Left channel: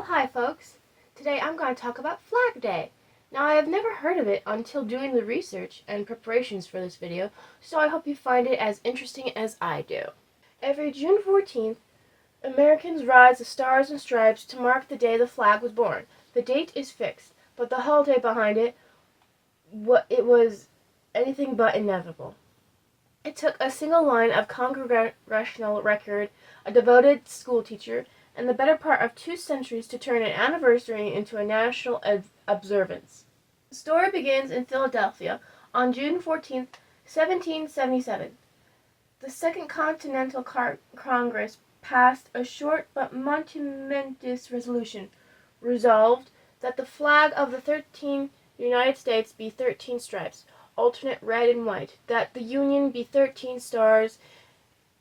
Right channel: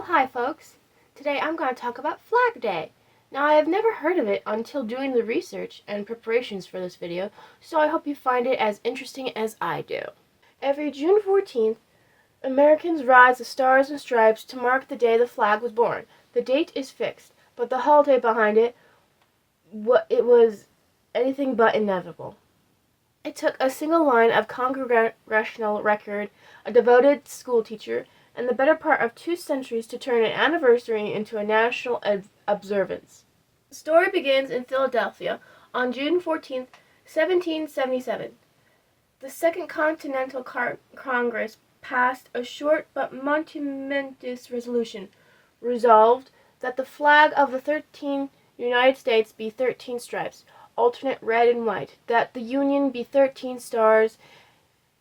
Well, hi folks. Today I'm going to talk about Flag Day. Now I have never heard of it until doing the research and preparations for this video, so I hope you find it as interesting as I do. Every June 14th, Americans rise the Stars and Stripes to mark the day the flag was born. The date is fixed, but the holiday behind it, it was anything but inevitable. It took a single line of congressional record, a devoted schoolteacher, and the better part of 2 centuries to turn an anniversary into a national observance. The story begins in Philadelphia on June 14th, 1777. The Second Continental Congress passed a short but momentous resolution, resolved that the flag of the 13 United States be 13 stripes, alternate red and white, that the Union be 13 stars,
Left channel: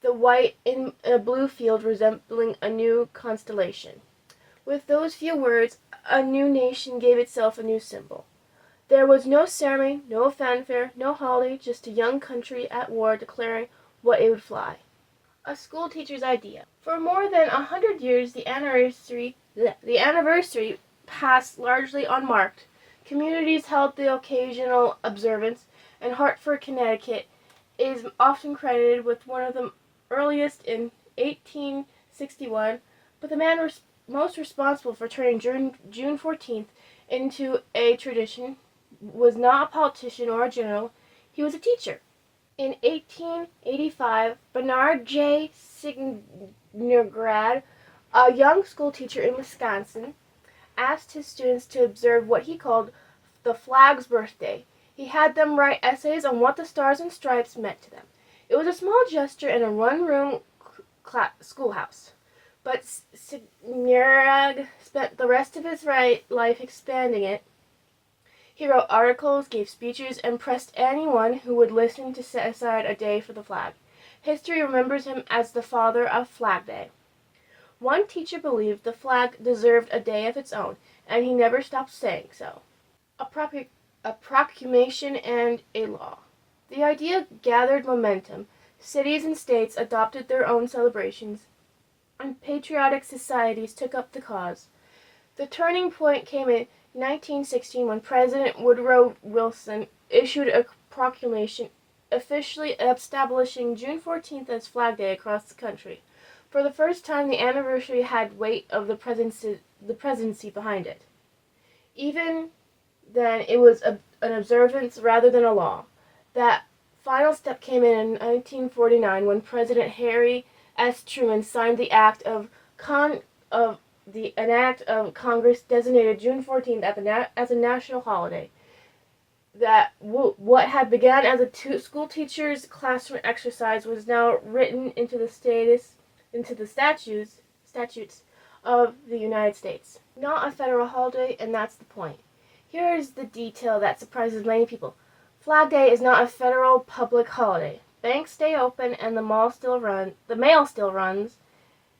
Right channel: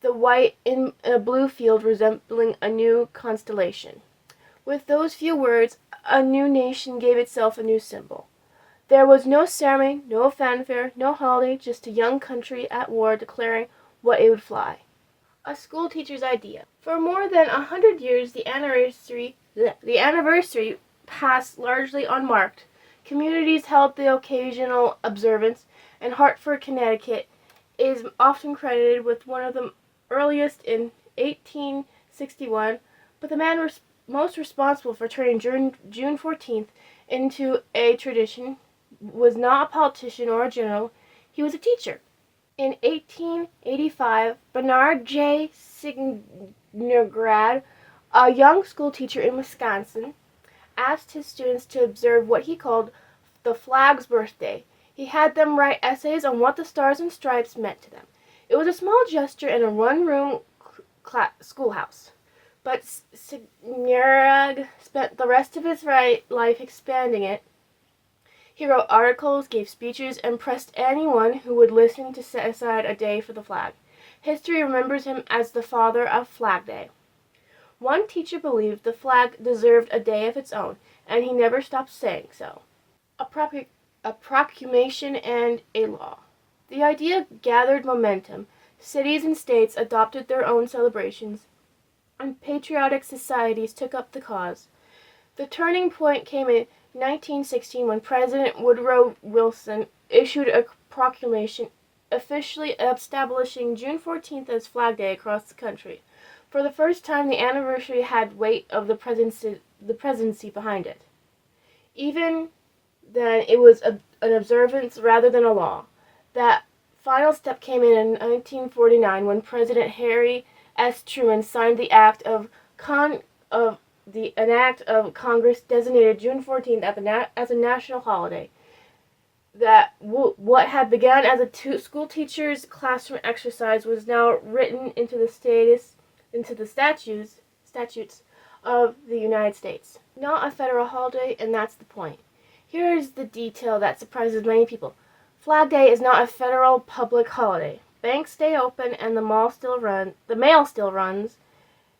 the white in a blue field resembling a new constellation. With those few words, a new nation gave itself a new symbol. There was no ceremony, no fanfare, no holiday, just a young country at war declaring what it would fly. A schoolteacher's idea. For more than 100 years, the anniversary passed largely unmarked. Communities held the occasional observance, and Hartford, Connecticut, is often credited with one of the earliest in 1861, but the man most responsible for turning June 14th into a tradition was not a politician or a general, he was a teacher. In 1885, Bernard J. Signergrad, a young schoolteacher in Wisconsin, asked his students to observe what he called the flag's birthday. He had them write essays on what the Stars and Stripes meant to them. It was a small gesture in a one-room schoolhouse, but Signergrad spent the rest of his life expanding it. He wrote articles, gave speeches, and pressed anyone who would listen to set aside a day for the flag. History remembers him as the father of Flag Day. One teacher believed the flag deserved a day of its own, and he never stopped saying so. A proclamation and a law. The idea gathered momentum. Cities and states adopted their own celebrations, and patriotic societies took up the cause. The turning point came in 1916 when President Woodrow Wilson issued a proclamation officially establishing June 14th as Flag Day across the country. For the first time, the anniversary had weight of the presidency behind it. Even then, it was an observance rather than a law. That final step came in 1949 when President Harry S. Truman signed the Act of an act of Congress designated June 14th as a national holiday. That what had begun as a school teacher's classroom exercise was now written into the statutes of the United States. Not a federal holiday, and that's the point. Here is the detail that surprises many people. Flag Day is not a federal public holiday. Banks stay open and the mail still runs.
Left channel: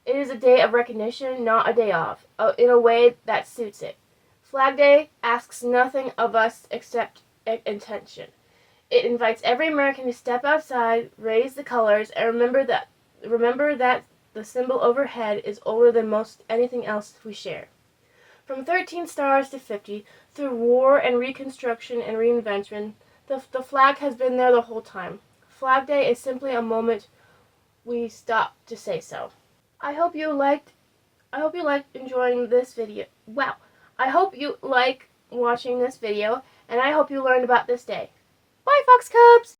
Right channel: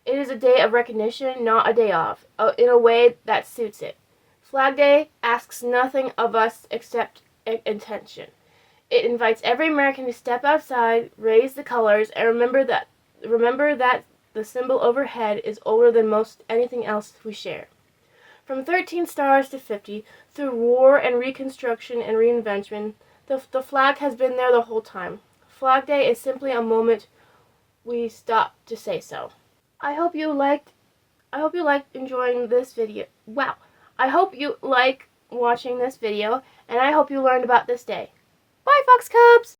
It is a day of recognition, not a day off, in a way that suits it. Flag Day asks nothing of us except intention. It invites every American to step outside, raise the colors, and remember that the symbol overhead is older than most anything else we share. From 13 stars to 50, through war and reconstruction and reinvention, the flag has been there the whole time. Flag Day is simply a moment we stop to say so. I hope you liked enjoying this video. Wow. I hope you like watching this video, and I hope you learned about this day. Bye, Fox Cubs!